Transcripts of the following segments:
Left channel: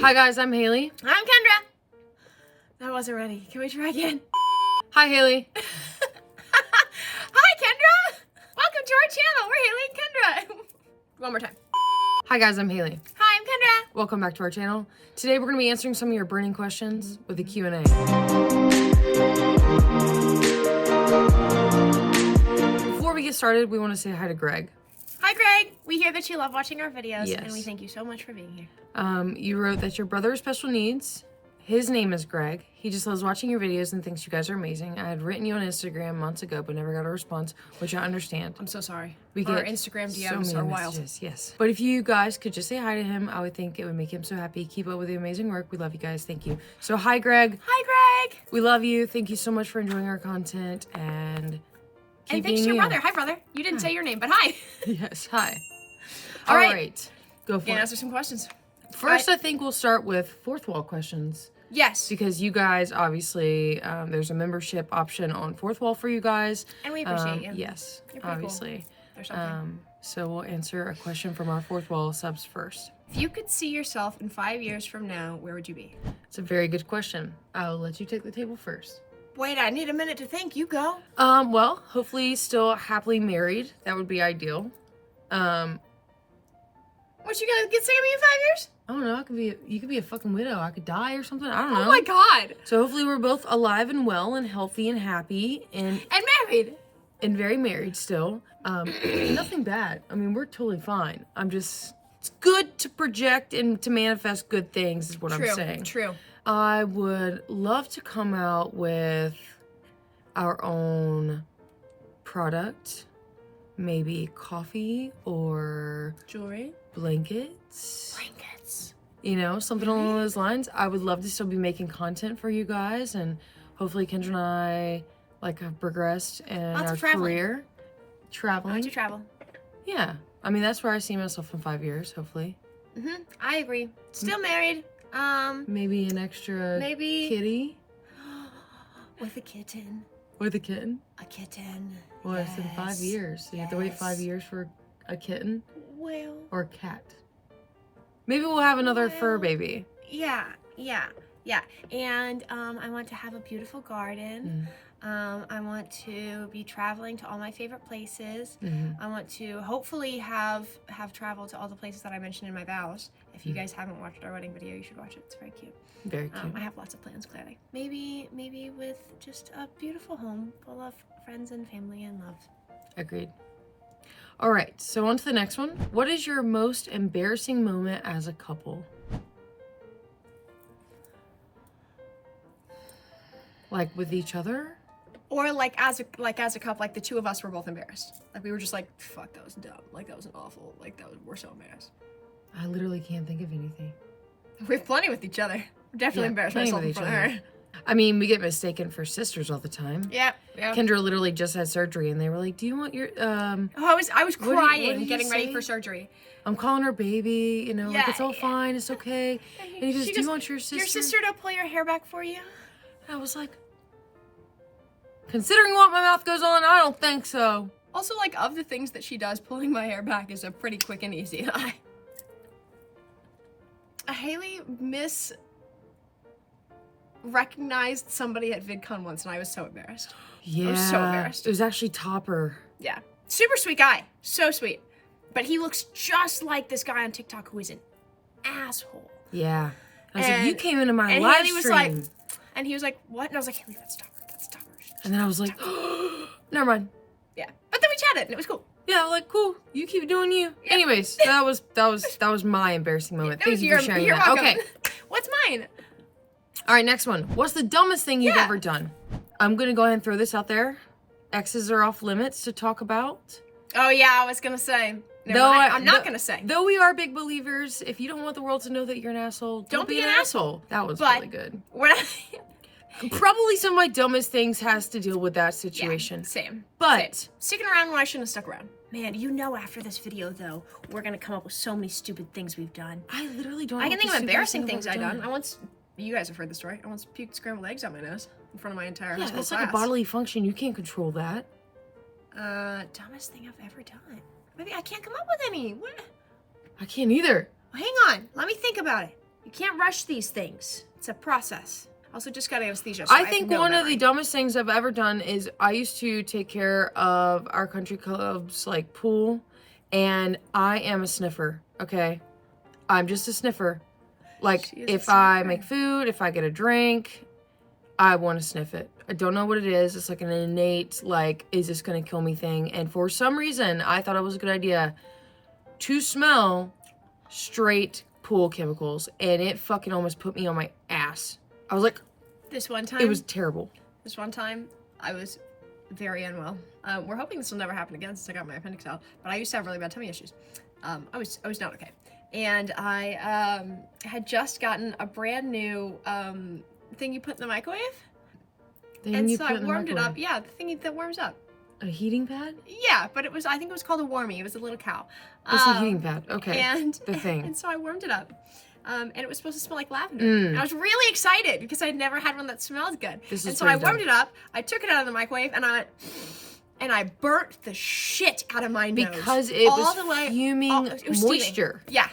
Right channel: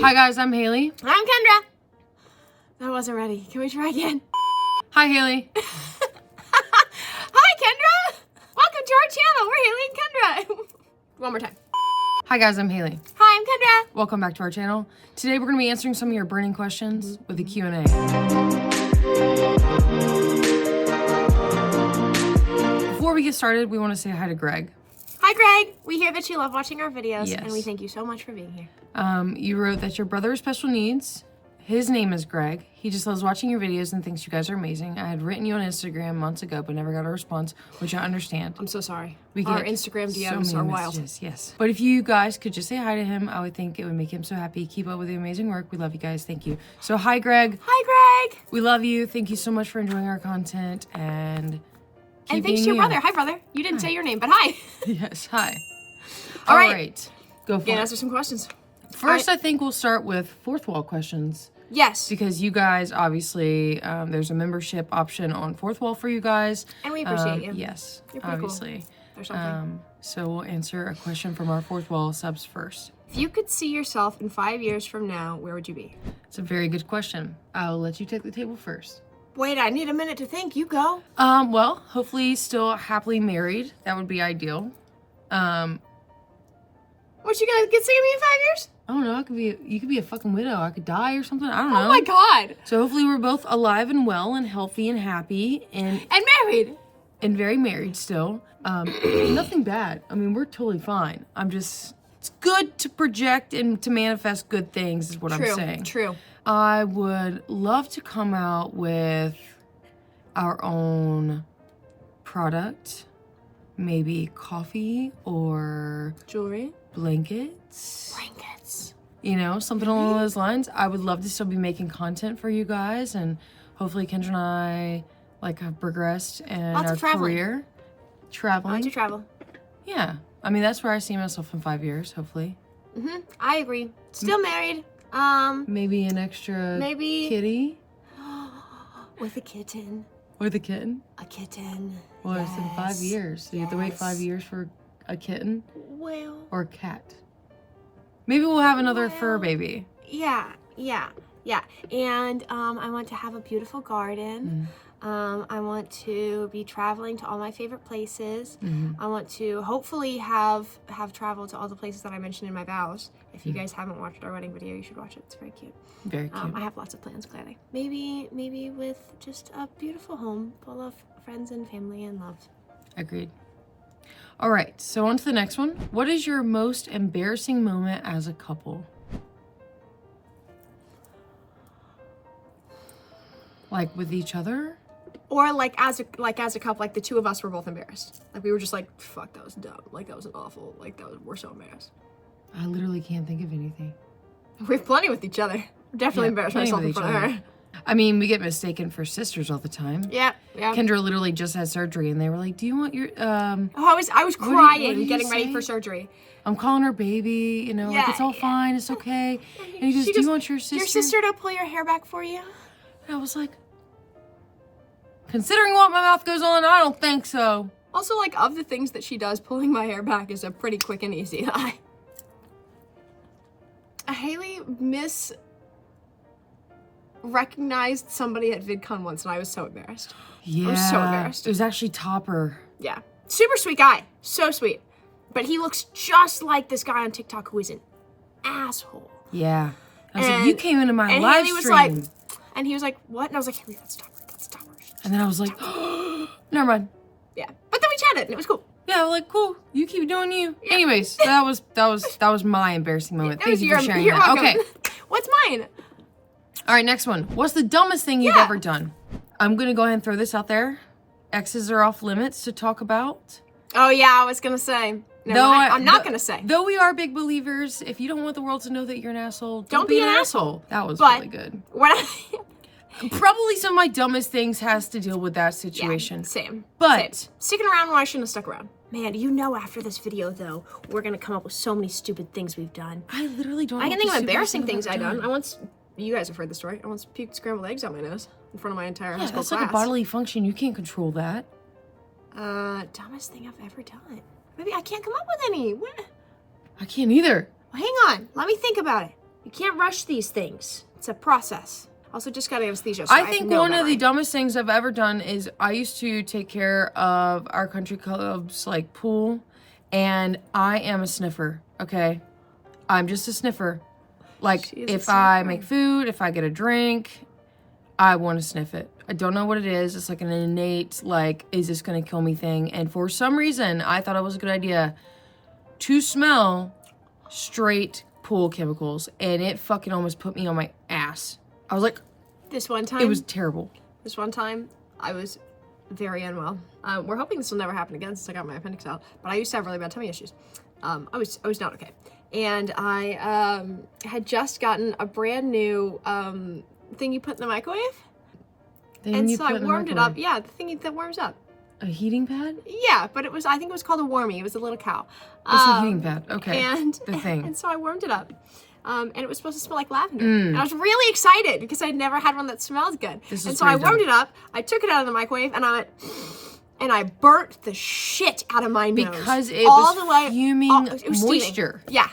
Hi guys, I'm Hailee. I'm Kendra. I wasn't ready. Can we try again? Hi Hailee. Hi Kendra. Welcome to our channel. We're Hailee and Kendra. One more time. Hi guys, I'm Hailee. Hi, I'm Kendra. Welcome back to our channel. Today we're going to be answering some of your burning questions with a Q&A. Before we get started, we want to say hi to Greg. Hi Greg. We hear that you love watching our videos, Yes. and we thank you so much for being here. You wrote that your brother has special needs. His name is Greg. He just loves watching your videos and thinks you guys are amazing. I had written you on Instagram months ago, but never got a response, which I understand. I'm so sorry. We Our get Instagram so DMs many are wild. messages, yes. But if you guys could just say hi to him, I would think it would make him so happy. Keep up with the amazing work. We love you guys. Thank you. So hi, Greg. Hi Greg. We love you. Thank you so much for enjoying our content and keep And thanks being to your you. brother. Hi brother. You didn't say your name, but hi. Yes, hi. All All right. right. Go for Can it. answer some questions. First, I think we'll start with fourth wall questions. Yes. Because you guys, obviously, there's a membership option on Fourth Wall for you guys. And we appreciate you. Yes, You're pretty obviously. Or something. So we'll answer a question from our Fourth Wall subs first. If you could see yourself in 5 years from now, where would you be? It's a very good question. I'll let you take the table first. Wait, I need a minute to think. You go. Well, hopefully still happily married. That would be ideal. What, you gonna get sick of me in 5 years? I don't know. You could be a fucking widow. I could die or something. I don't know. Oh my god. So hopefully we're both alive and well and healthy and happy and married. very married still. Nothing bad. I mean, we're totally fine. It's good to project and to manifest good things is what I'm saying. True. I would love to come out with our own product. Maybe coffee or Jewelry. blankets. Blankets. You know, something along those lines. I would love to still be making content for you guys, and hopefully Kendra and I have progressed in Lots our of traveling. career. Traveling. To travel. Yeah. I mean, that's where I see myself in 5 years, hopefully. I agree. Still married. Maybe an extra Maybe kitty with a kitten. with a kitten. A kitten. Well, it's in 5 Yes. years. So you have to wait 5 Yes. years for a kitten Well. or a cat. Maybe we'll have another fur Well. baby. Yeah. And I want to have a beautiful garden. I want to be traveling to all my favorite places. I want to hopefully have traveled to all the places that I mentioned in my vows. If you guys haven't watched our wedding video, you should watch it. It's very cute. Very cute. I have lots of plans, clearly. Maybe with just a beautiful home full of friends and family and love. Agreed. All right, so on to the next one. What is your most embarrassing moment as a couple? Like with each other? Or as a couple, the two of us were both embarrassed. We were just fuck, that was dumb. That was awful. We're so embarrassed. I literally can't think of anything. We have plenty with each other. Definitely embarrassed plenty myself with in each front of other. her. I mean, we get mistaken for sisters all the time. Yeah. Kendra literally just had surgery, and they were like, "Do you want your Oh, I was what crying did you getting ready say? for surgery. I'm calling her baby, you know, it's all fine, it's okay." And he goes, She "Do you goes, want your sister?" Your sister to pull your hair back for you? And I was like, considering what my mouth goes on, I don't think so. Also, of the things that she does, pulling my hair back is a pretty quick and easy. Hailee recognized somebody at VidCon once, and I was so embarrassed. Yeah, I was so embarrassed. It was actually Topper. Yeah. Super sweet guy. So sweet. But he looks just like this guy on TikTok who is an asshole. Yeah. I was like, you came into my and live Hailee was stream. And he was like, what? And I was like, Hailee, that's Topper. That's Topper. And then I was like, never mind. Yeah. But then we chatted, and it was cool. Yeah, cool. You keep doing you. Yeah. Anyways, that was my embarrassing moment. Thank you for sharing you're that. welcome. Okay. What's mine? All right, next one. What's the dumbest thing you've ever done? I'm going to go ahead and throw this out there. Exes are off limits to talk about. Oh, yeah, I was going to say. I'm not going to say. Though we are big believers, if you don't want the world to know that you're an asshole, don't be an asshole. That was really good. Probably some of my dumbest things has to deal with that situation. Yeah, same. But same. Sticking around when I shouldn't have stuck around. Man, after this video, though, we're going to come up with so many stupid things we've done. I literally don't know. I can think of what the embarrassing stupidest things thing I've ever done. You guys have heard the story. I once puked scrambled eggs out my nose in front of my entire high Yeah, school that's class. like a bodily function. You can't control that. Dumbest thing I've ever done. Maybe I can't come up with any. What? I can't either. Well, hang on. Let me think about it. You can't rush these things. It's a process. Also, just got anesthesia. So I think one of the dumbest things I've ever done is I used to take care of our country club's like pool, and I am a sniffer. Okay, I'm just a sniffer. Like if I make food, if I get a drink, I want to sniff it. I don't know what it is. It's like an innate like, is this gonna kill me thing? And for some reason, I thought it was a good idea to smell straight pool chemicals, and it fucking almost put me on my ass. I was like, this one time, it was terrible. This one time, I was very unwell. We're hoping this will never happen again since I got my appendix out. But I used to have really bad tummy issues. I was not okay, and I had just gotten a brand new thing you put in the microwave, and so I warmed it up. Yeah, the thing that warms up. A heating pad? Yeah, but it was, I think it was called a warmie. It was a little cow. It's a heating pad. Okay. And the thing. And so I warmed it up. And it was supposed to smell like lavender. And I was really excited because I'd never had one that smells good. And so I warmed it up. I took it out of the microwave and I burnt the shit out of my nose. Because it was fuming moisture. Yeah.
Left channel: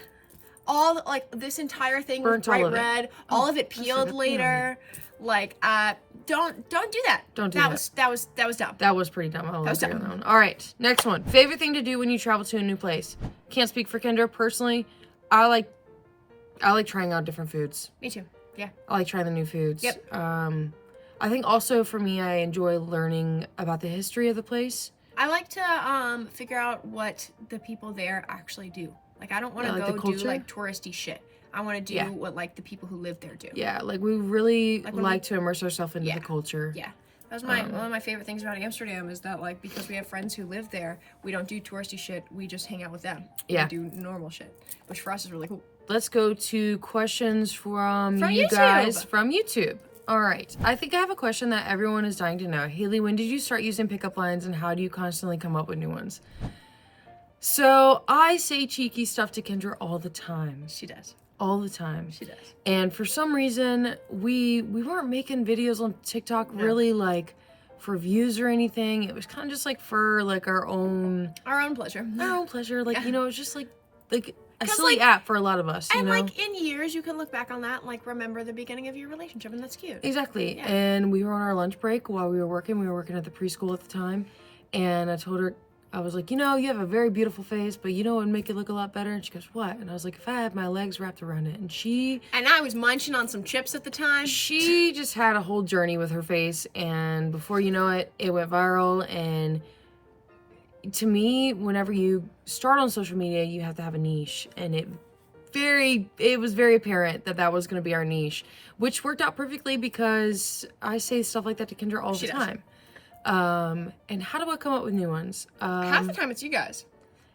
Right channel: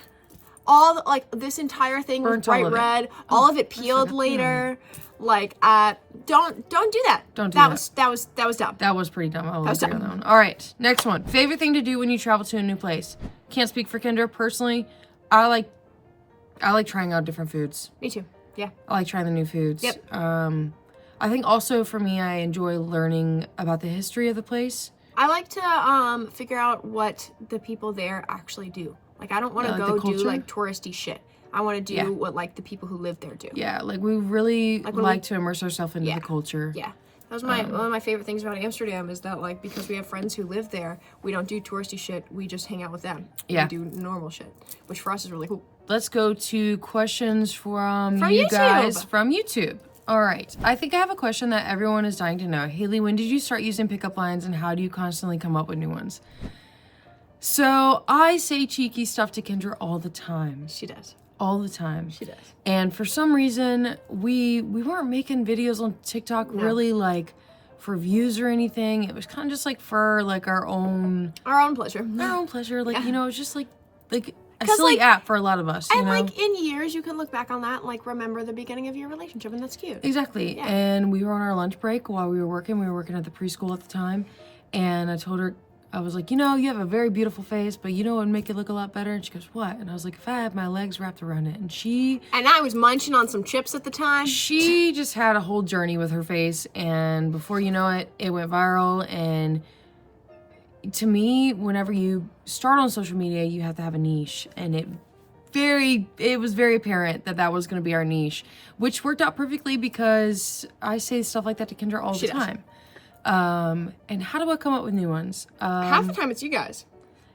Like this entire thing was bright red. All of it peeled later. Like, don't do that. Don't do that. That was dumb. That was pretty dumb. I will agree on that one. All right, next one. Favorite thing to do when you travel to a new place. Can't speak for Kendra personally. I like trying out different foods. Me too. Yeah. I like trying the new foods. Yep. I think also for me, I enjoy learning about the history of the place. I like to figure out what the people there actually do. Like, I don't want to go do like touristy shit. I want to do what like the people who live there do. Yeah, like we really like to immerse ourselves into the culture. Yeah, that was one of my favorite things about Amsterdam is that like because we have friends who live there, we don't do touristy shit. We just hang out with them. We do normal shit, which for us is really cool. Let's go to questions from you guys from YouTube. All right, I think I have a question that everyone is dying to know. Hailee, when did you start using pickup lines, and how do you constantly come up with new ones? So I say cheeky stuff to Kendra all the time. She does. All the time. She does. And for some reason, we weren't making videos on TikTok really like for views or anything. It was kind of just like for like our own pleasure. Our own pleasure. Like, you know, it's just like a silly app for a lot of us, you know? Like in years, you can look back on that and like remember the beginning of your relationship, and that's cute. Exactly. Yeah. And we were on our lunch break while we were working. We were working at the preschool at the time. And I told her, I was like, you know, you have a very beautiful face, but you know what would make it look a lot better? And she goes, what? And I was like, if I had my legs wrapped around it. And I was munching on some chips at the time. She just had a whole journey with her face, and before you know it, it went viral. And to me, whenever you start on social media, you have to have a niche. And it was very apparent that was going to be our niche, which worked out perfectly because I say stuff like that to Kendra all the time. And how do I come up with new ones? Half the time it's you guys.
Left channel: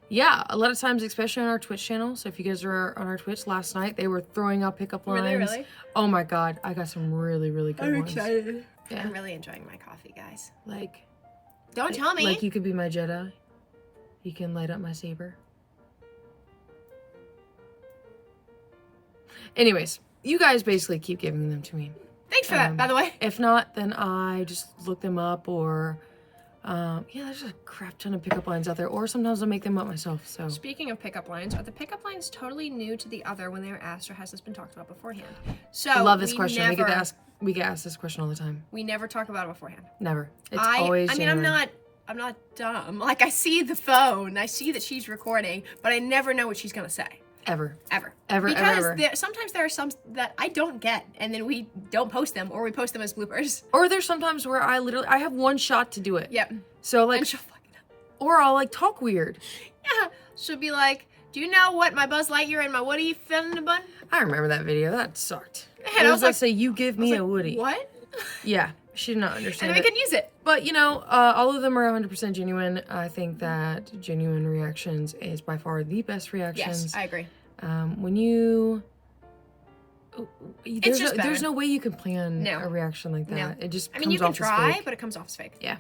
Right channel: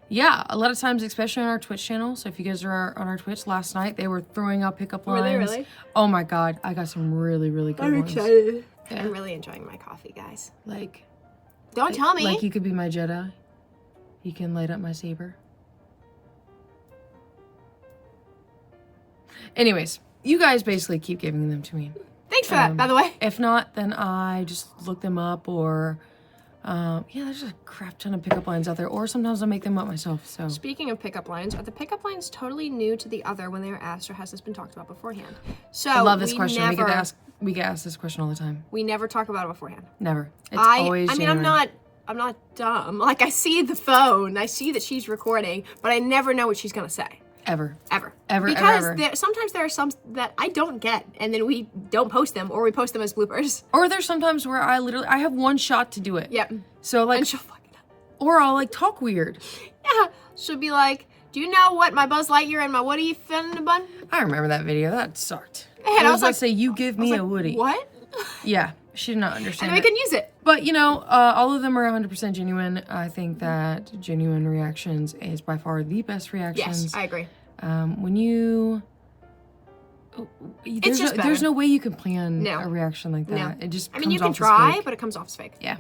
Yeah, a lot of times, especially on our Twitch channel. So if you guys are on our Twitch last night, they were throwing out pickup lines. Really? Oh my God, I got some really, really good ones. I'm excited. Yeah. I'm really enjoying my coffee, guys. Like, don't tell me. Like you could be my Jedi. You can light up my saber. Anyways, you guys basically keep giving them to me. Thanks for that, by the way. If not, then I just look them up, or there's a crap ton of pickup lines out there, or sometimes I make them up myself. So speaking of pickup lines, are the pickup lines totally new to the other when they are asked, or has this been talked about beforehand? So I love this question. We get asked this question all the time. We never talk about it beforehand. Never. It's always genuine. I'm not dumb. Like, I see the phone, I see that she's recording, but I never know what she's gonna say. Ever. Because sometimes there are some that I don't get, and then we don't post them, or we post them as bloopers. Or there's sometimes where I have one shot to do it. Yep. So like, and she'll fucking up. Or I'll like talk weird. Yeah. She'll be like, "Do you know what my Buzz Lightyear and my Woody fit in a bun?" I remember that video. That sucked. And I was like, say, "You give me a Woody." What? Yeah. She did not understand. And we couldn't use it. But, you know, all of them are 100% genuine. I think that genuine reactions is by far the best reactions. Yes, I agree. When you... There's no way you can plan a reaction like that. No. It just comes off as fake. you can try, but it comes off as fake. Yeah.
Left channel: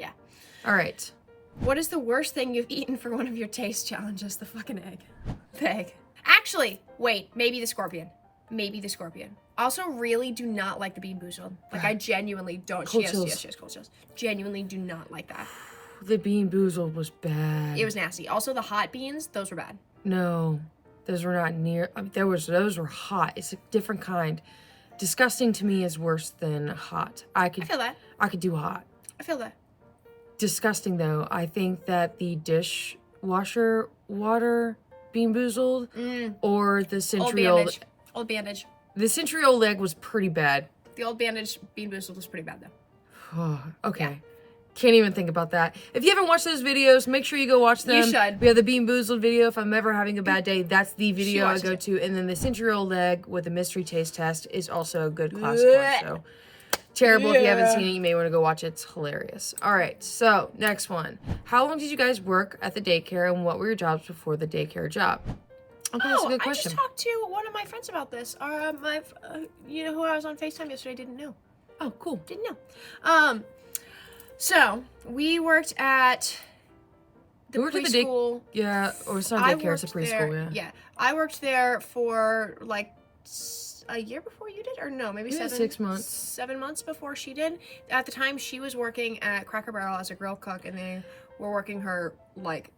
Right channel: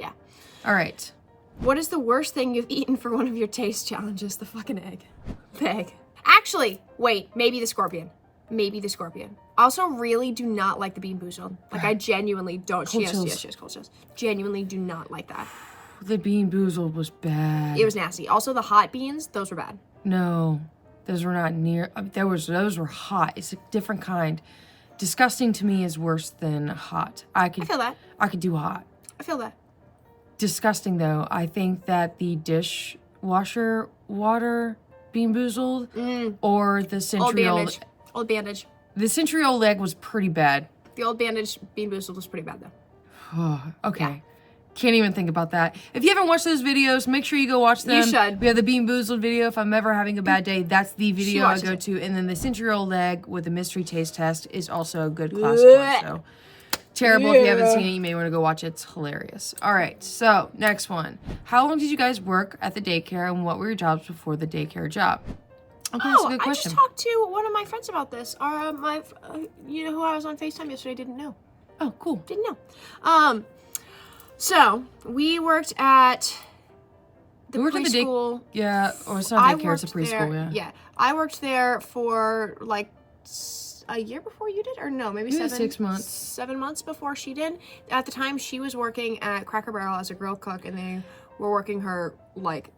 All right. What is the worst thing you've eaten for one of your taste challenges? The fucking egg. The egg. Actually, wait, maybe the scorpion. Also, really do not like the Bean Boozled. Like, I genuinely don't. She has cold chills. Genuinely do not like that. The Bean Boozled was bad. It was nasty. Also, the hot beans, those were bad. No. Those were not near. Those were hot. It's a different kind. Disgusting to me is worse than hot. I feel that. I could do hot. I feel that. Disgusting though. I think that the dishwasher water Bean Boozled or the Century Old Bandage. The Century Old Egg was pretty bad. The Old Bandage Bean Boozled was pretty bad though. Oh, okay. Yeah. Can't even think about that. If you haven't watched those videos, make sure you go watch them. You should. We have the Bean Boozled video. If I'm ever having a bad day, that's the video I go to. And then the Century Old Egg with the mystery taste test is also a good classic one. So terrible. If you haven't seen it, you may want to go watch it. It's hilarious. All right. So next one. How long did you guys work at the daycare, and what were your jobs before the daycare job? Okay, that's a good question. I just talked to one of my friends about this. You know who I was on FaceTime yesterday didn't know. Oh, cool. Didn't know. So we worked at the preschool. Yeah, or it's not daycare, it's a preschool, there, yeah. I worked there for like a year before you did, or no, maybe 6 months. 7 months before she did. At the time, she was working at Cracker Barrel as a grill cook, and they were working her like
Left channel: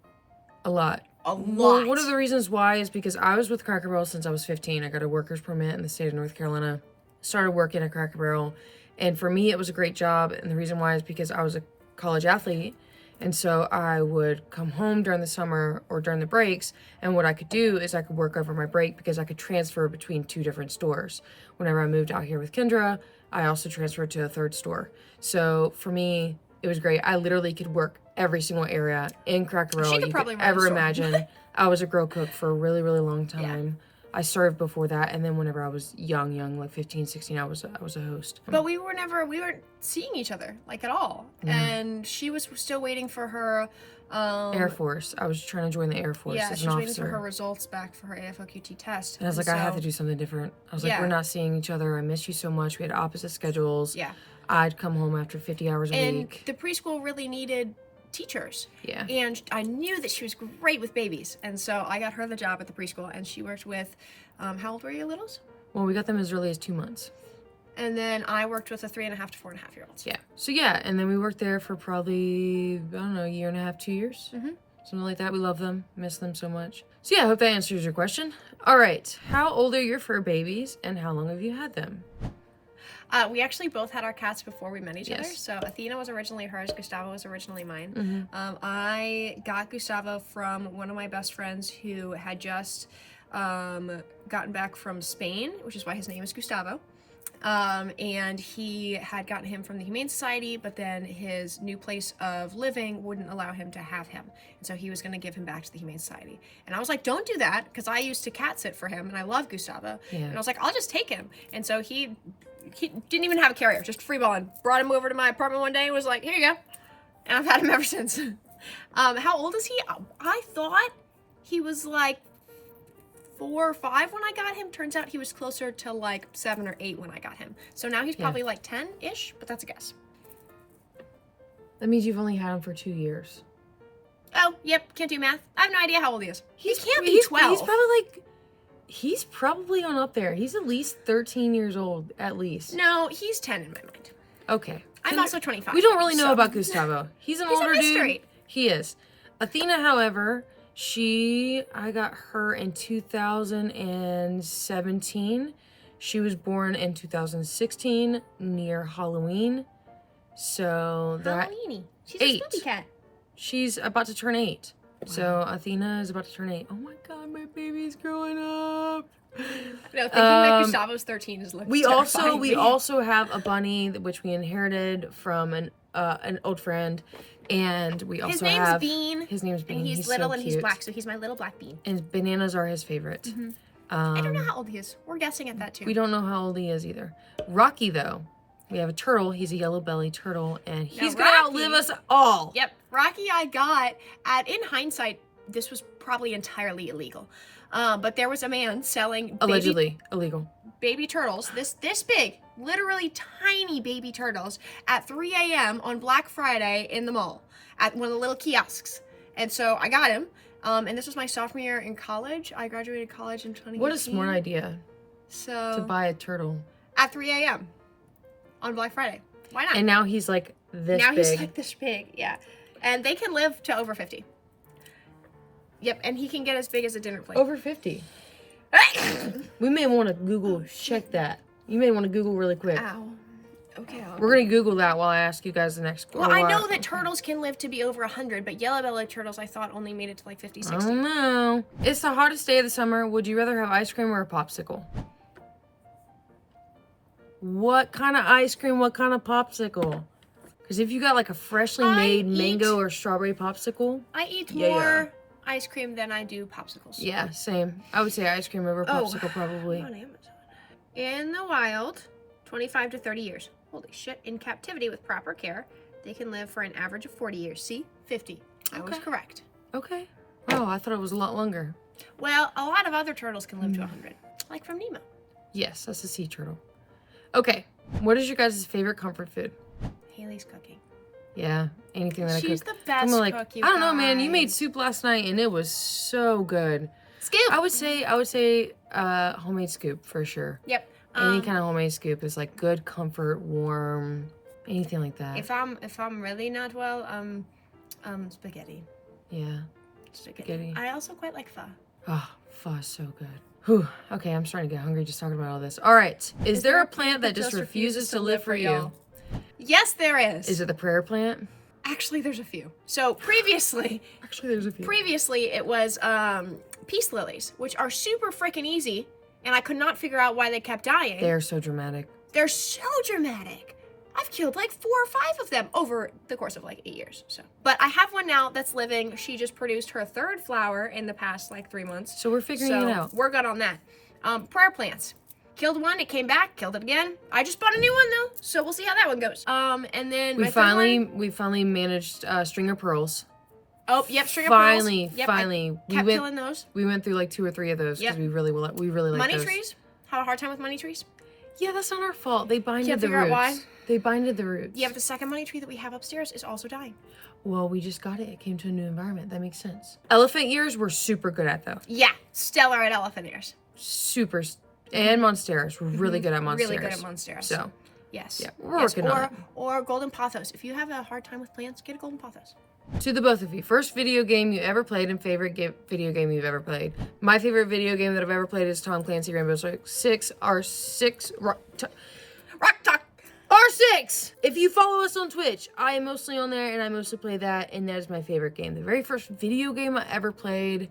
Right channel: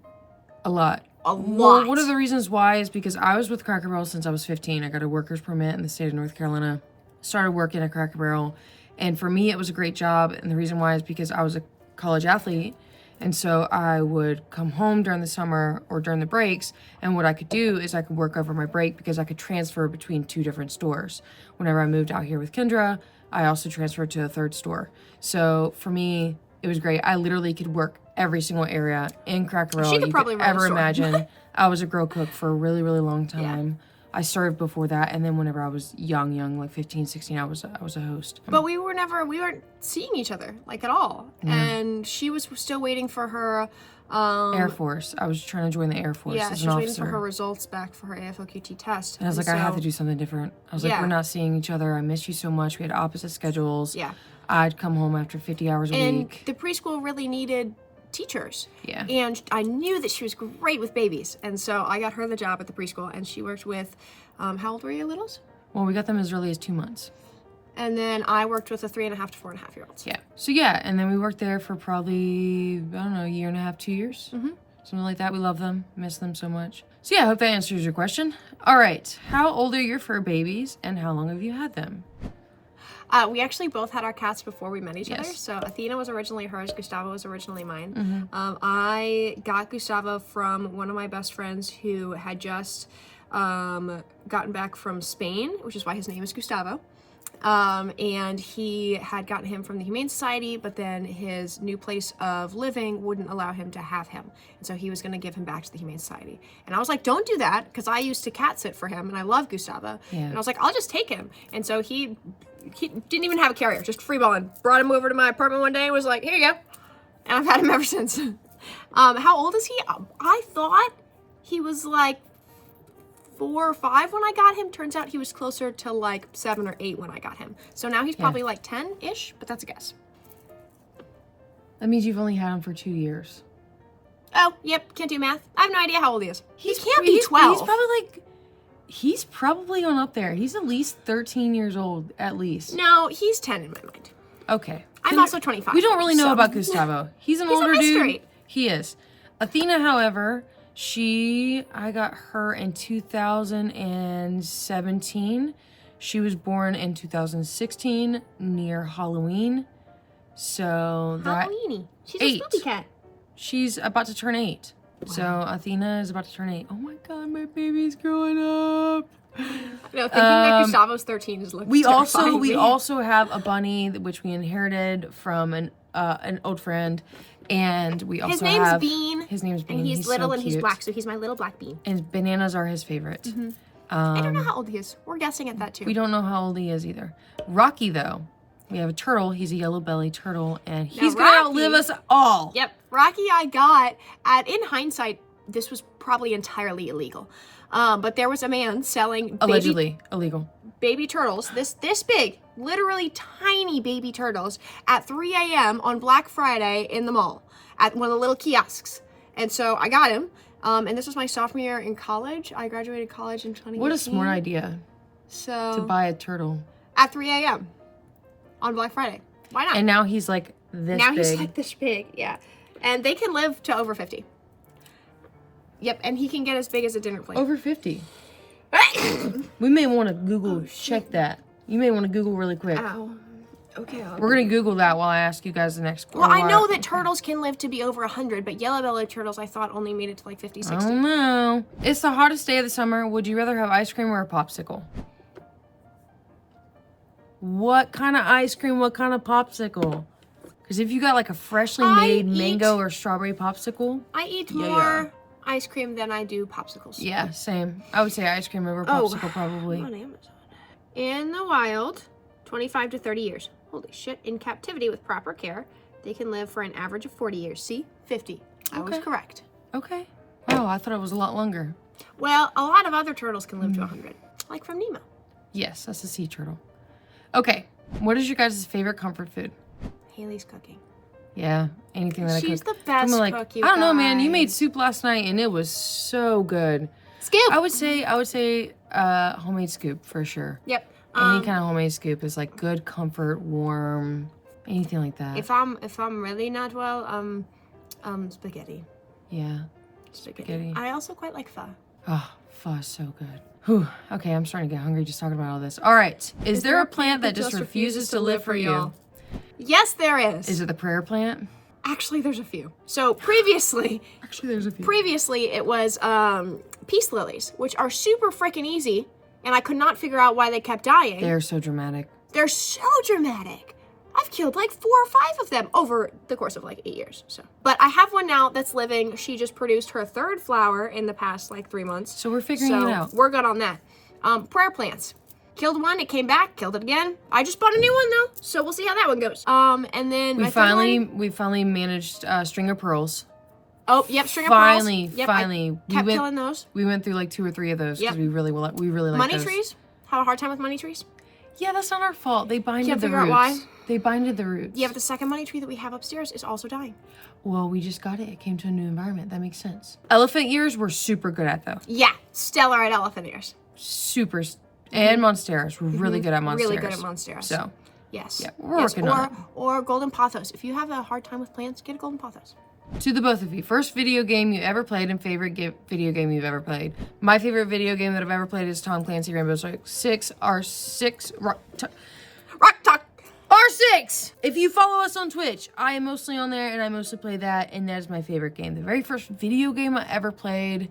a lot. Well, one of the reasons why is because I was with Cracker Barrel since I was 15. I got a worker's permit in the state of North Carolina. Started working at Cracker Barrel. And for me, it was a great job. And the reason why is because I was a college athlete. And so I would come home during the summer or during the breaks. And what I could do is I could work over my break because I could transfer between 2 different stores. Whenever I moved out here with Kendra, I also transferred to a 3rd store. So for me, it was great. I literally could work every single area in Cracker Barrel you could ever imagine. I was a grill cook for a really, really long time. Yeah. I served before that, and then whenever I was young, like 15, 16, I was a host. But we weren't seeing each other, like, at all. And she was still waiting for her... Air Force. I was trying to join the Air Force as an officer. Yeah, she was waiting for her results back for her AFOQT test. And I was like, I have to do something different. I was like, we're not seeing each other. I miss you so much. We had opposite schedules. Yeah. I'd come home after 50 hours a week. And the preschool really needed teachers. Yeah. And I knew that she was great with babies. And so I got her the job at the preschool, and she worked with, how old were your littles? Well, we got them as early as 2 months. And then I worked with the 3.5 to 4.5 year olds. Yeah. So yeah, and then we worked there for probably, I don't know, a year and a half, 2 years. Something like that. We love them. Miss them so much. So yeah, I hope that answers your question. All right. How old are your fur babies, and how long have you had them? We actually both had our cats before we met each other. So Athena was originally hers. Gustavo was originally mine. I got Gustavo from one of my best friends who had just gotten back from Spain, which is why his name is Gustavo. And he had gotten him from the Humane Society, but then his new place of living wouldn't allow him to have him. And so he was going to give him back to the Humane Society. And I was like, don't do that, because I used to cat sit for him, and I love Gustavo. Yeah. And I was like, I'll just take him. And so he didn't even have a carrier, just freeballing. Brought him over to my apartment one day and was like, here you go. And I've had him ever since. How old is he? I thought he was like 4 or 5 when I got him. Turns out he was closer to like 7 or 8 when I got him. So now he's probably like 10-ish, but that's a guess. That means you've only had him for 2 years. Oh, yep, can't do math. I have no idea how old he is. He can't be 12. He's probably on up there. He's at least 13 years old, at least. No, he's 10 in my mind. Okay. I'm also 25. We don't really know about Gustavo. He's an older dude. He is. Athena, however, I got her in 2017. She was born in 2016 near Halloween. So that... Halloweeny. She's a spooky cat. She's about to turn 8. Wow. So Athena is about to turn 8. Oh my god, my baby's growing up. No, thinking that Gustavo's 13 is looking terrifying. We also have a bunny which we inherited from an old friend, and we also have his name's Bean. And he's little so and cute. He's black, so he's my little black bean. And bananas are his favorite. I don't know how old he is. We're guessing at that too. We don't know how old he is either. Rocky though, we have a turtle. He's a yellow belly turtle, and he's gonna outlive us all. Yep, Rocky I got in hindsight, this was probably entirely illegal. But there was a man selling allegedly illegal baby turtles, this big, literally tiny baby turtles at 3 a.m. on Black Friday in the mall at one of the little kiosks. And so I got him. And this was my sophomore year in college. I graduated college in 2018. What a smart idea. So to buy a turtle at 3 a.m. on Black Friday. Why not? And now he's like this big. Now he's like this big, yeah. And they can live to over 50. Yep, and he can get as big as a dinner plate. Over 50? We may want to Google, check that. You may want to Google really quick. Ow. Okay. We're going to Google that while I ask you guys the next question. Well, I know that turtles can live to be over 100, but yellow-bellied turtles, I thought, only made it to like 50, 60. I don't know. It's the hottest day of the summer. Would you rather have ice cream or a popsicle? What kind of ice cream? What kind of popsicle? Because if you got like a freshly made mango or strawberry popsicle. I eat more ice cream than I do popsicles. Yeah, same. I would say ice cream over popsicle probably. I'm on Amazon. In the wild, 25 to 30 years. Holy shit. In captivity with proper care, they can live for an average of 40 years. See? 50. I was correct. Okay. Wow, I thought it was a lot longer. Well, a lot of other turtles can live to 100. Like from Nemo. Yes, that's a sea turtle. Okay. What is your guys' favorite comfort food? Hailee's cooking. Yeah, anything that I cook. She's the best cook, you I don't know, man. You guys. made soup last night and it was so good. Scoop. I would say homemade scoop for sure. Yep. Any kind of homemade scoop is like good comfort, warm, anything like that. If I'm really not well, spaghetti. Yeah. Spaghetti. I also quite like pho. Oh, pho is so good. Whew. Okay, I'm starting to get hungry just talking about all this. All right. Is there a plant that just refuses to live for you? Yes, there is. Is it the prayer plant? Actually, there's a few. So previously, there's a few. It was peace lilies, which are super freaking easy, and I could not figure out why they kept dying. They're so dramatic. They're so dramatic. I've killed like 4 or 5 of them over the course of like 8 years. So, but I have one now that's living. She just produced her 3rd flower in the past like 3 months. So we're figuring it out. We're good on that. Prayer plants. Killed one, it came back, killed it again. I just bought a new one though, so we'll see how that one goes. And then we finally managed string of pearls. Oh, yep, string of pearls. Yep, Finally, kept killing those. We went through like 2 or 3 of those because we really like money those. trees. Had a hard time with money trees. Yeah, that's not our fault. They binded Can't the figure out roots. why. They binded the roots. Yeah, but the second money tree that we have upstairs is also dying. Well, we just got it. It came to a new environment. That makes sense. Elephant ears we're super good at though. Yeah, stellar at elephant ears. Super. And monsteras. We're really good at monsteras. Really good at monsteras. So, yes. Yeah, we're working on it. Or golden pothos. If you have a hard time with plants, get a golden pothos. To the both of you, first video game you ever played and favorite video game you've ever played. My favorite video game that I've ever played is Tom Clancy Rainbow Six R6 Rock Talk. R6. If you follow us on Twitch, I am mostly on there and I mostly play that, and that is my favorite game. The very first video game I ever played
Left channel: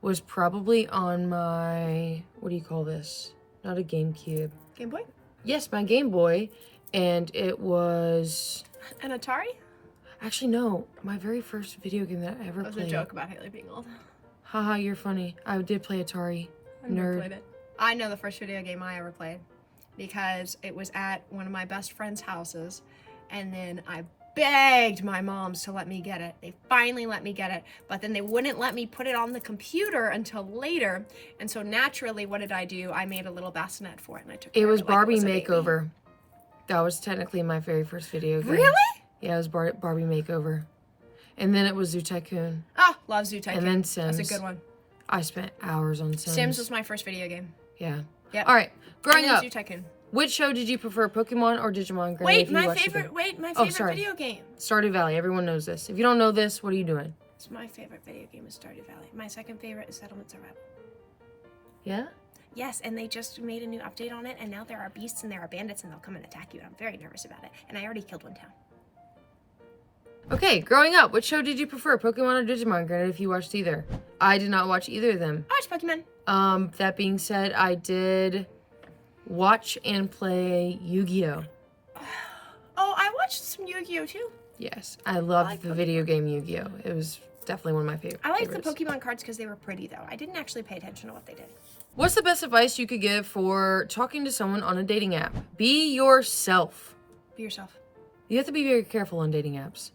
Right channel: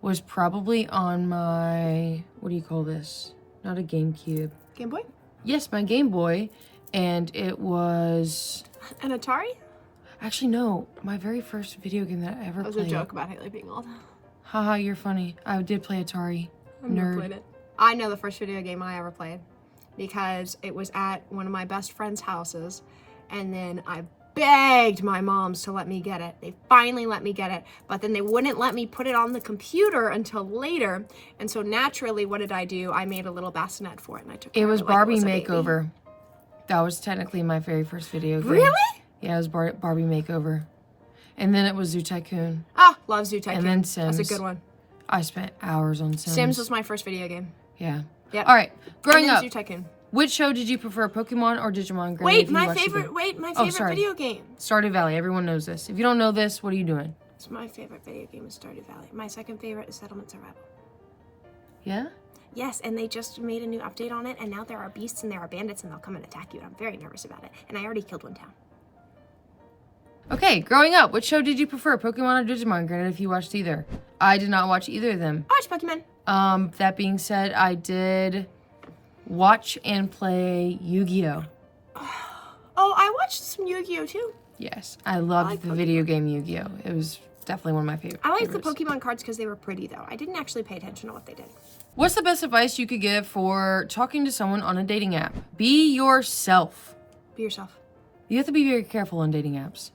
was probably on my, what do you call this? Not a GameCube. Game Boy? Yes, my Game Boy, and it was An Atari? actually no, my very first video game that I ever That was played. a joke about Hailee being old. Haha, you're funny. I did play Atari. I've never played it. I know the first video game I ever played because it was at one of my best friend's houses, and then I begged my moms to let me get it. They finally let me get it, but then they wouldn't let me put it on the computer until later, and so naturally, what did I do? I made a little bassinet for it, and I took It was of it like Barbie it was a baby. Makeover. That was technically my very first video game. Really? Yeah, it was Barbie Makeover. And then it was Zoo Tycoon. Ah, love Zoo Tycoon. And then Sims. That's a good one. I spent hours on Sims. Sims was my first video game. Yeah. Yep. All right. Growing and then up, Zoo Tycoon. which show did you prefer, Pokemon or Digimon? Granted, Wait, if you my watched favorite. either. Wait, my Oh, favorite sorry. video game. Stardew Valley. Everyone knows this. If you don't know this, what are you doing? It's my favorite video game is Stardew Valley. My second favorite is Settlement Survival. Yeah? Yes, and they just made a new update on it, and now there are beasts and there are bandits, and they'll come and attack you. And I'm very nervous about it. And I already killed one town. Okay, growing up, which show did you prefer, Pokemon or Digimon? Granted, if you watched either. I did not watch either of them. I watch Pokemon. That being said, I did watch and play Yu-Gi-Oh! Oh, I watched some Yu-Gi-Oh! Too. Yes, I loved like the Pokemon. video game Yu-Gi-Oh! It was definitely one of my favorite. I liked favorites. the Pokemon cards because they were pretty, though. I didn't actually pay attention to what they did. What's the best advice you could give for talking to someone on a dating app? Be yourself. Be yourself. You have to be very careful on dating apps.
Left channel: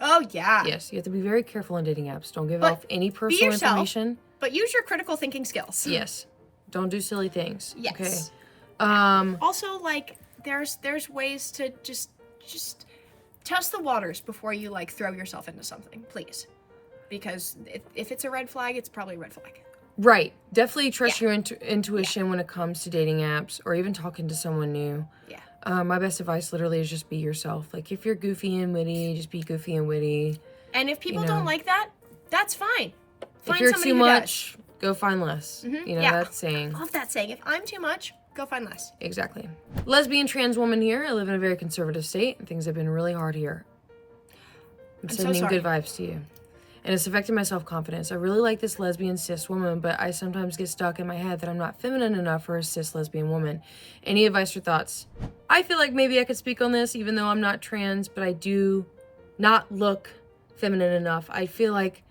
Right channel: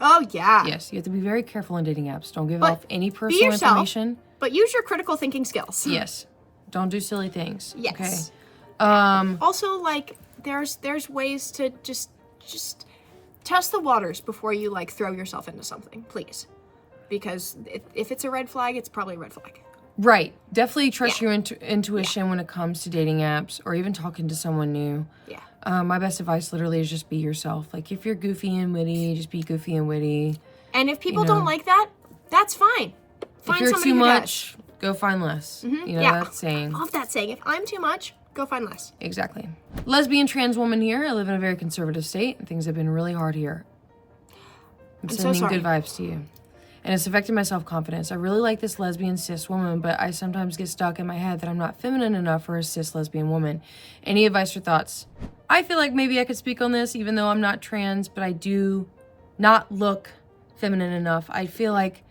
Oh, yeah. Yes, you have to be very careful on dating apps. Don't give But off any personal yourself. information. But use your critical thinking skills. Yes. Don't do silly things. Yes. Okay. Also, like, there's ways to just test the waters before you, like, throw yourself into something, please. Because if it's a red flag, it's probably a red flag. Right. Definitely trust your intuition when it comes to dating apps or even talking to someone new. Yeah. My best advice literally is just be yourself. Like, if you're goofy and witty, just be goofy and witty. And if people You know. don't like that, that's fine. Find If you're somebody too who much, go find less. You know that saying. I love that saying. If I'm too much, go find less. Exactly. Lesbian trans woman here. I live in a very conservative state, and things have been really hard here. I'm sending so sorry. good vibes to you. And it's affected my self-confidence. I really like this lesbian cis woman, but I sometimes get stuck in my head that I'm not feminine enough for a cis lesbian woman. Any advice or thoughts? I feel like maybe I could speak on this, even though I'm not trans, but I do not look feminine enough. I feel like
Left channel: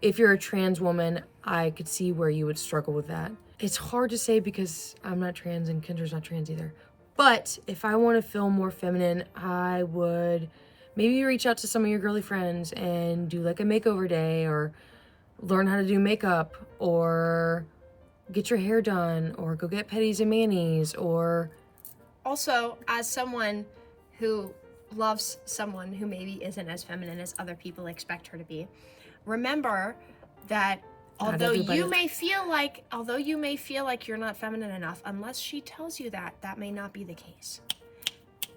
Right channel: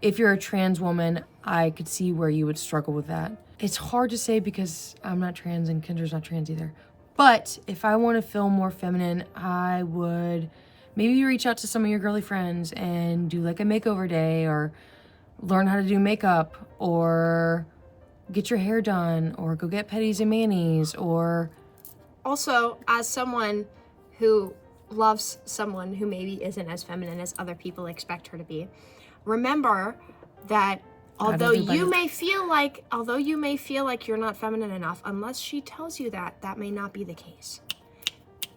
if you're a trans woman, I could see where you would struggle with that. It's hard to say because I'm not trans and Kendra's not trans either. But if I want to feel more feminine, I would maybe reach out to some of your girly friends and do like a makeover day, or learn how to do makeup, or get your hair done, or go get petties and manis, or... Also, as someone who loves someone who maybe isn't as feminine as other people expect her to be, remember that although you may feel like you're not feminine enough, unless she tells you that, that may not be the case.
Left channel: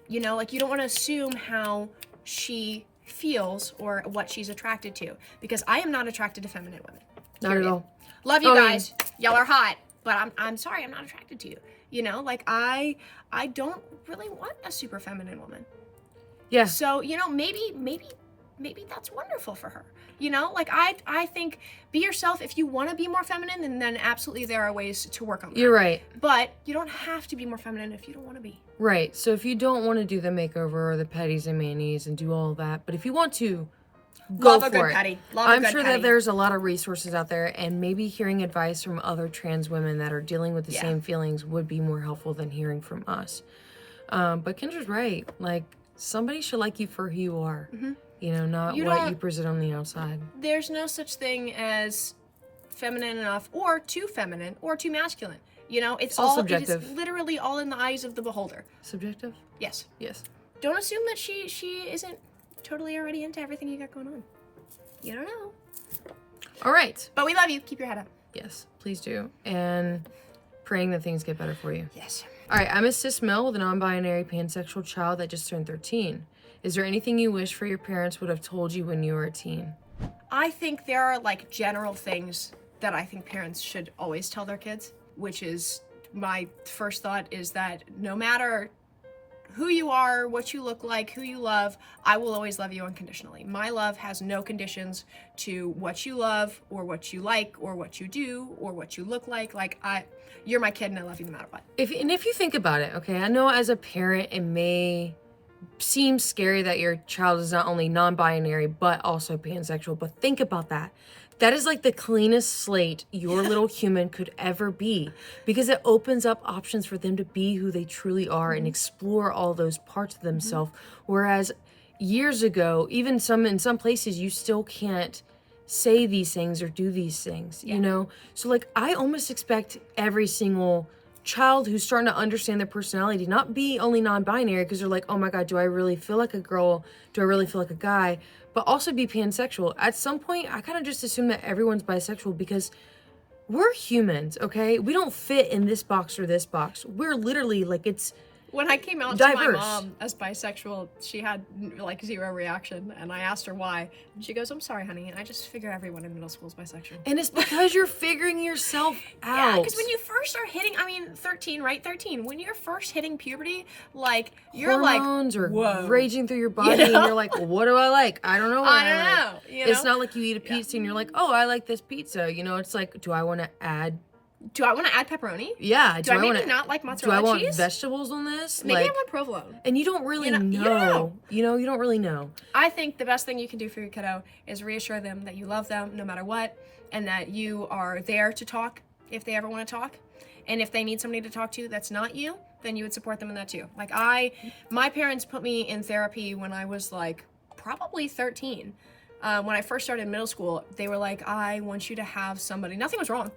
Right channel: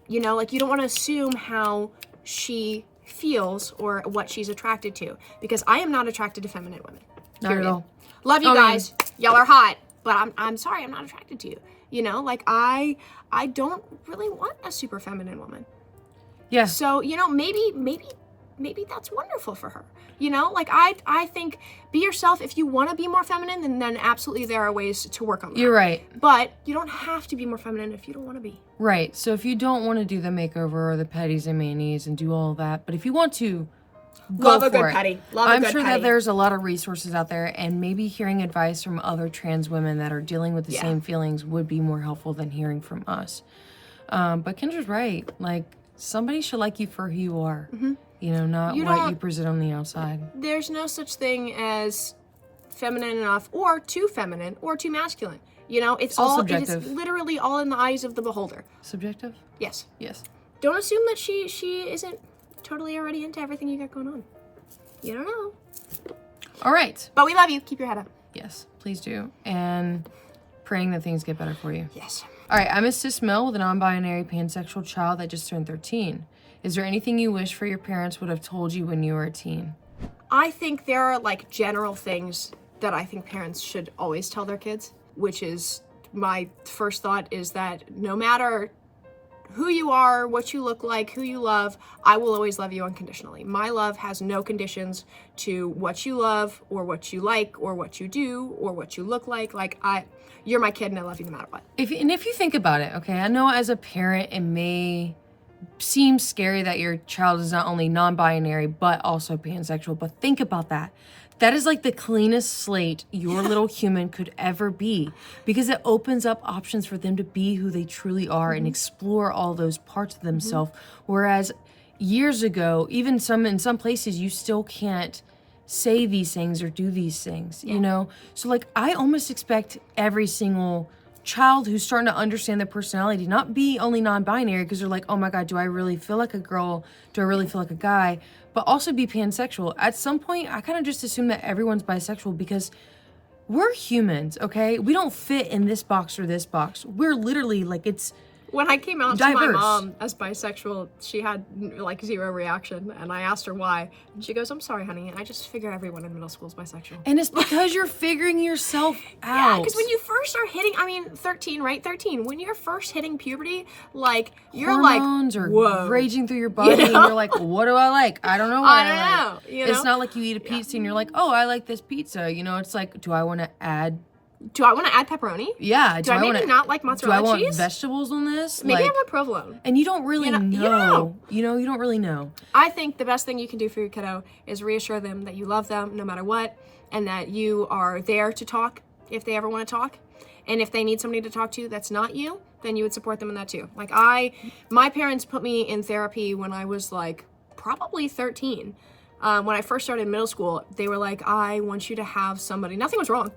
You know, like, you don't want to assume how she feels or what she's attracted to, because I am not attracted to feminine women. Not at all. Love you guys. Y'all are hot, but I'm sorry, I'm not attracted to you. You know, like, I don't really want a super feminine woman. Yeah. So, you know, maybe that's wonderful for her. You know, like, I think be yourself. If you want to be more feminine, then absolutely there are ways to work on that. You're right. But you don't have to be more feminine if you don't want to be. Right. So if you don't want to do the makeover or the petties and manis and do all of that, but if you want to, go for it. I'm sure that there's a lot of resources out there, and maybe hearing advice from other trans women that are dealing with the same feelings would be more helpful than hearing from us. But Kendra's right. Like, somebody should like you for who you are. You know, not what you present on the outside. There's no such thing as feminine enough, or too feminine, or too masculine. You know, it's all subjective. It is literally all in the eyes of the beholder. Subjective? Yes. Yes. Don't assume that she isn't totally already into everything you got going on. You don't know. All right. But we love you. Keep your head up. Yes, please do. And praying that things get better for you. Yes. All right, I'm a cis male with a non-binary pansexual child that just turned 13. Is there anything you wish for your parents would have told you when you were a teen? I think there are, like, general things that I think parents should always tell their kids, which is, my first thought is that no matter who you are, what you look like, who you love, I will always love you unconditionally. My love has no conditions to what you love, or what you like, or what you do, or what you look like. Like, you're my kid and I love you no matter what. If you think about it, okay, I know as a parent it may seem scary that your child is not only non-binary but also pansexual, but think about that. That is like the cleanest slate your little human could ever be, because it opens up options for them to be who they truly are and explore all those parts of themselves. Whereas years ago, even in some places, you still can't say these things or do these things, you know? So, like, I almost expect every single child who's starting to understand their personality not be only non-binary, because they're like, oh my God, do I really feel like a girl? Do I really feel like a guy? But also be pansexual. At some point, I kind of just assume that everyone's bisexual, because we're humans, okay? We don't fit in this box or this box. We're literally, like, it's when I came out diverse. To my mom as bisexual, she had, like, zero reaction, and I asked her why. And she goes, I'm sorry, honey, I just figured everyone in middle school is bisexual. And it's because you're figuring yourself out. Yeah, because when you first are hitting, 13, right? 13. When you're first hitting puberty, like, you're hormones like, are whoa. Raging through your body, and you're like, well, what do I like? I don't know what I like. You know? It's not like you eat a pizza and you're like, oh, I like this pizza. You know, it's like, do I want to add pepperoni? Yeah. Do I maybe not like mozzarella cheese? Do I want vegetables on this? Maybe I want provolone. And you don't really know. You know, you don't really know. I think the best thing you can do for your kiddo is reassure them that you love them no matter what, and that you are there to talk if they ever want to talk. And if they need somebody to talk to that's not you, then you would support them in that too. Like, my parents put me in therapy when I was, like, probably 13. When I first started middle school, they were like, I want you to have somebody. Nothing was wrong.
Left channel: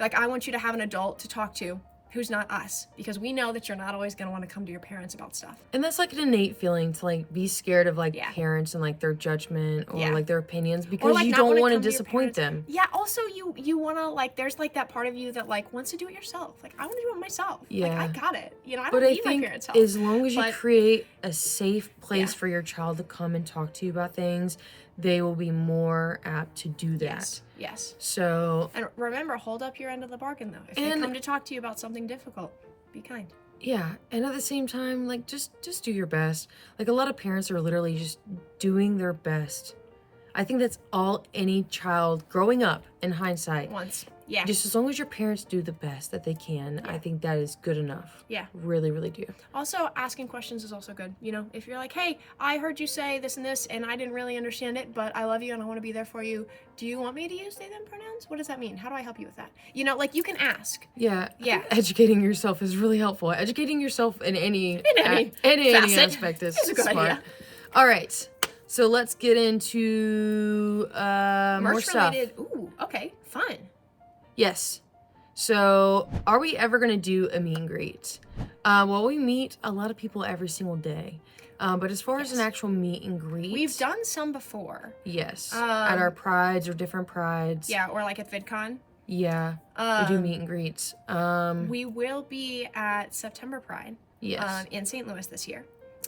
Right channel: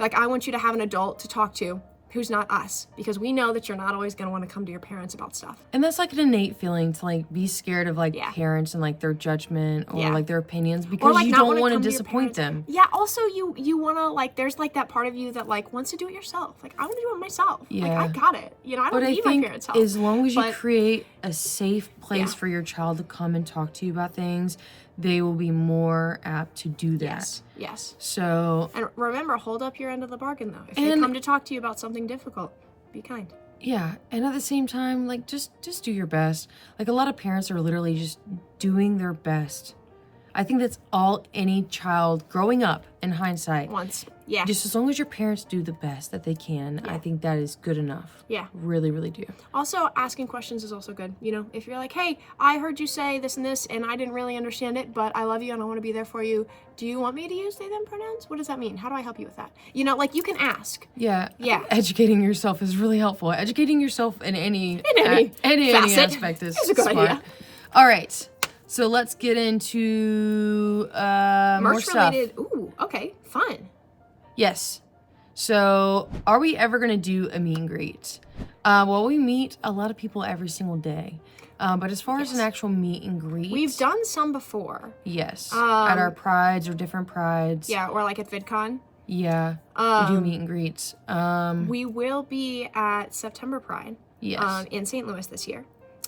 Like, I want you to have an adult to talk to who's not us, because we know that you're not always going to want to come to your parents about stuff. And that's, like, an innate feeling to, like, be scared of, like, parents and, like, their judgment or like their opinions, because like, you don't want to disappoint them. Yeah. Also, you want to, like, there's, like, that part of you that, like, wants to do it yourself. Like, I want to do it myself. Yeah. Like, I got it. You know, I don't need my parents' help. As long as you create a safe place for your child to come and talk to you about things, they will be more apt to do that. Yes. So, and remember, hold up your end of the bargain, though. If they come to talk to you about something difficult, be kind. Yeah, and at the same time, like, just do your best. Like, a lot of parents are literally just doing their best. I think that's all any child growing up, in hindsight. Once. Yeah. Just as long as your parents do the best that they can, I think that is good enough. Yeah. Really, really do. Also, asking questions is also good. You know, if you're like, hey, I heard you say this and this, and I didn't really understand it, but I love you and I want to be there for you. Do you want me to use they, them pronouns? What does that mean? How do I help you with that? You know, like, you can ask. Yeah. Yeah. Educating yourself is really helpful. Educating yourself in any aspect is a good smart. idea. All right. So let's get into more stuff. Ooh, okay, fun. Yes. So are we ever going to do a meet and greet? Well, we meet a lot of people every single day. But as far as an actual meet and greet... We've done some before. Yes. At our prides or different prides. Yeah, or like at VidCon. Yeah. We do meet and greets. We will be at September Pride. Yes. In St. Louis this year.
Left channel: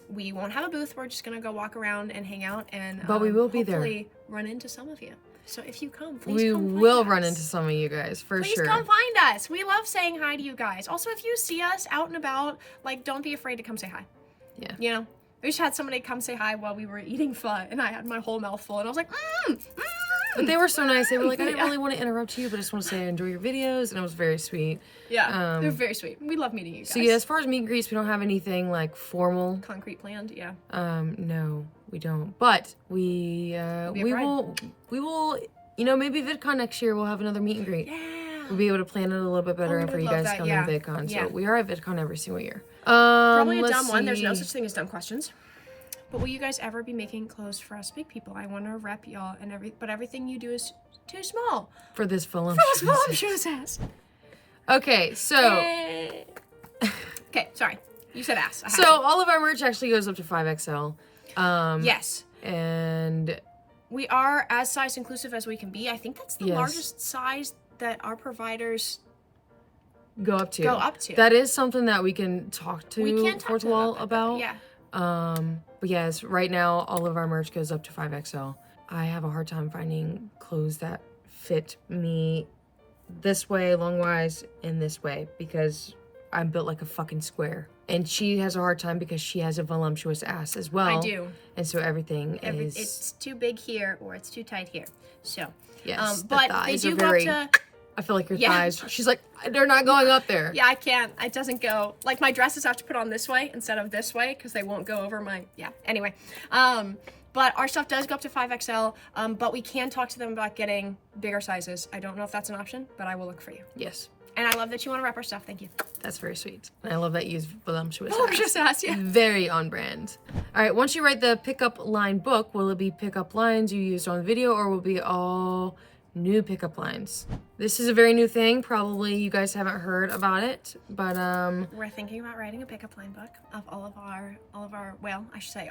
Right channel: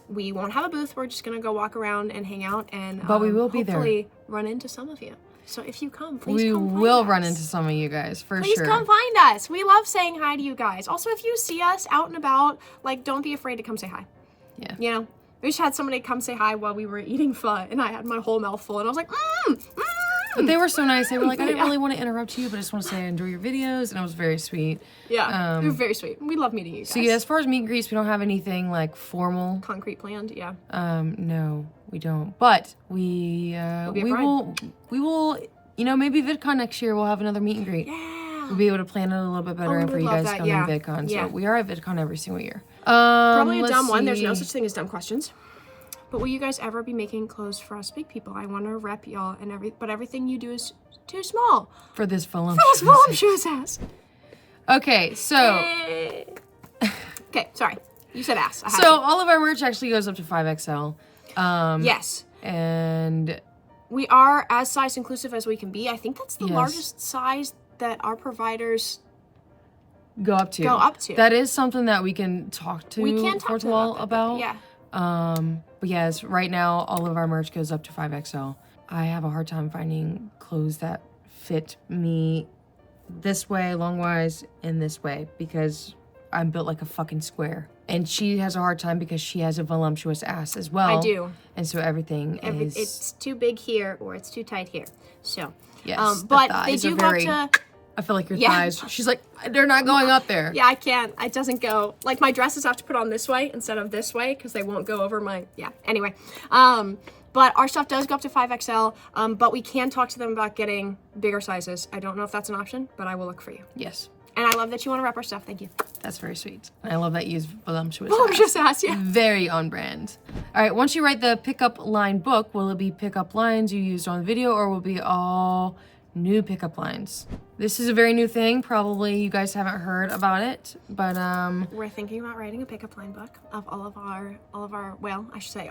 We won't have a booth. We're just going to go walk around and hang out and but we will be there. Hopefully run into some of you. So if you come, please we come find will us. run into some of you guys, for please sure. Please come find us. We love saying hi to you guys. Also, if you see us out and about, like, don't be afraid to come say hi. Yeah. You know? We just had somebody come say hi while we were eating pho, and I had my whole mouth full, and I was like, But they were so nice. They were like, I didn't really want to interrupt you, but I just want to say I enjoy your videos, and it was very sweet. Yeah, they were very sweet. We love meeting you guys. So yeah, as far as meet and greets, we don't have anything like formal. Concrete planned, yeah. No, we don't. But we will, you know, maybe VidCon next year we'll have another meet and greet. Yeah. We'll be able to plan it a little bit better and for you guys to come to VidCon. Yeah. So we are at VidCon every single year. Probably a dumb one. There's no such thing as dumb questions. But will you guys ever be making clothes for us big people? I want to rep y'all and but everything you do is too small. For this voluptuous ass. Okay, so. Okay, sorry. You said ass. So all of our merch actually goes up to 5XL. Yes. And we are as size inclusive as we can be. I think that's the largest size that our providers go up to. That is something that we can talk to FourthWall about. Yeah. But yes, right now all of our merch goes up to 5XL. I have a hard time finding clothes that fit me this way, long-wise, and this way, because I'm built like a fucking square. And she has a hard time because she has a voluptuous ass as well. I do. And so everything is... It's too big here or it's too tight here. So, yes, but they do go to... I feel like your thighs. She's like, they're not going up there. Yeah, I can't. It doesn't go. Like, my dresses have to put on this way instead of this way because they won't go over my... Yeah. Anyway. But our stuff does go up to 5XL. But we can talk to them about getting bigger sizes. I don't know if that's an option, but I will look for you. Yes. And I love that you want to rep our stuff. Thank you. That's very sweet. And I love that you use voluptuous ass. Yeah. Very on brand. All right. Once you write the pickup line book, will it be pickup lines you used on video or will it be all new pickup lines? This is a very new thing. Probably you guys haven't heard about it, but we're thinking about writing a pickup line book of all of our well, I should say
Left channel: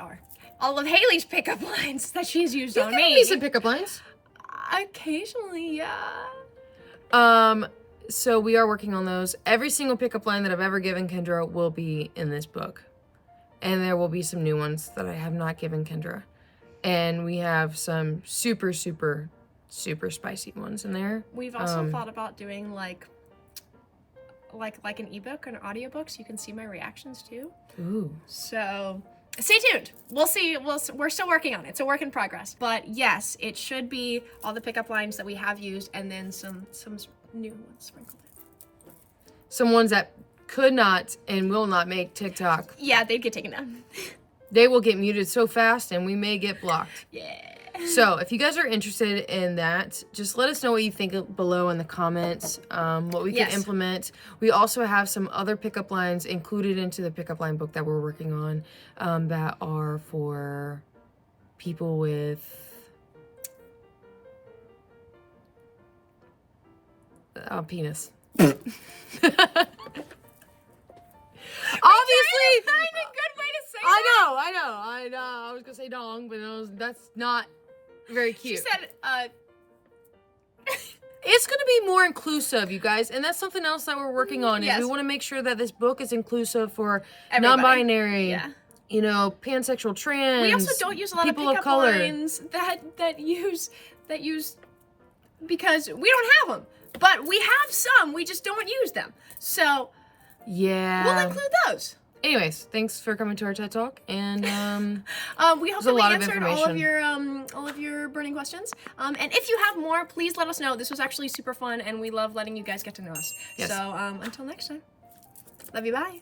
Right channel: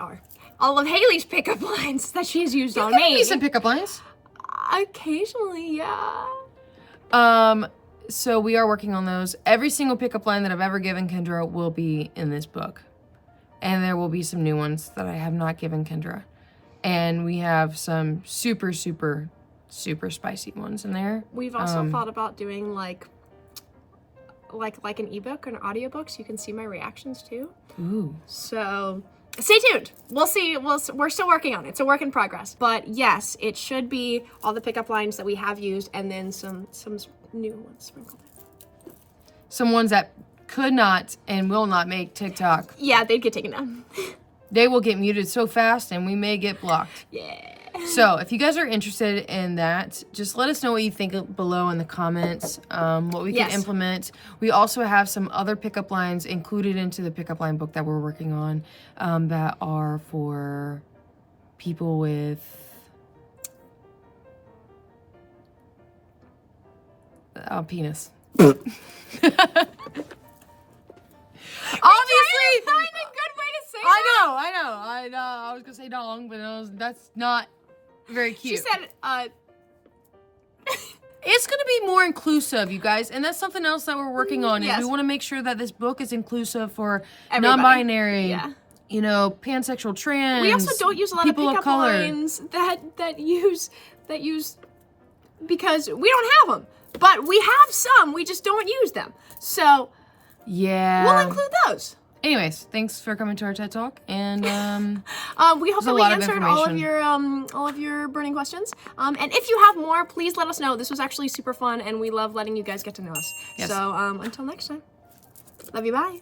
all of Hailey's pickup lines that she's used on me. You some pickup lines. Occasionally, yeah. So we are working on those. Every single pickup line that I've ever given Kendra will be in this book. And there will be some new ones that I have not given Kendra. And we have some super, super, super spicy ones in there. We've also thought about doing like an ebook or an audiobook so you can see my reactions too. Ooh. So stay tuned. We'll see. We're still working on it. It's a work in progress. But yes, it should be all the pickup lines that we have used and then some new ones sprinkled. Some ones that could not and will not make TikTok. Yeah, they'd get taken down. They will get muted so fast and we may get blocked. Yeah. So if you guys are interested in that, just let us know what you think below in the comments, what we can implement. We also have some other pickup lines included into the pickup line book that we're working on that are for people with penis. Obviously, find a good way to say I know. I was gonna say dong, but that's not very cute. She said, It's gonna be more inclusive, you guys, and that's something else that we're working on. Is we want to make sure that this book is inclusive for non-binary you know, pansexual, trans. We also don't use a lot of people pickup lines that use because we don't have them, but we have some. We just don't use them. So yeah, we'll include those. Anyways, thanks for coming to our TED Talk, and we hope that we answered all of your burning questions. And if you have more, please let us know. This was actually super fun, and we love letting you guys get to know us. Yes. So until next time, love you, bye.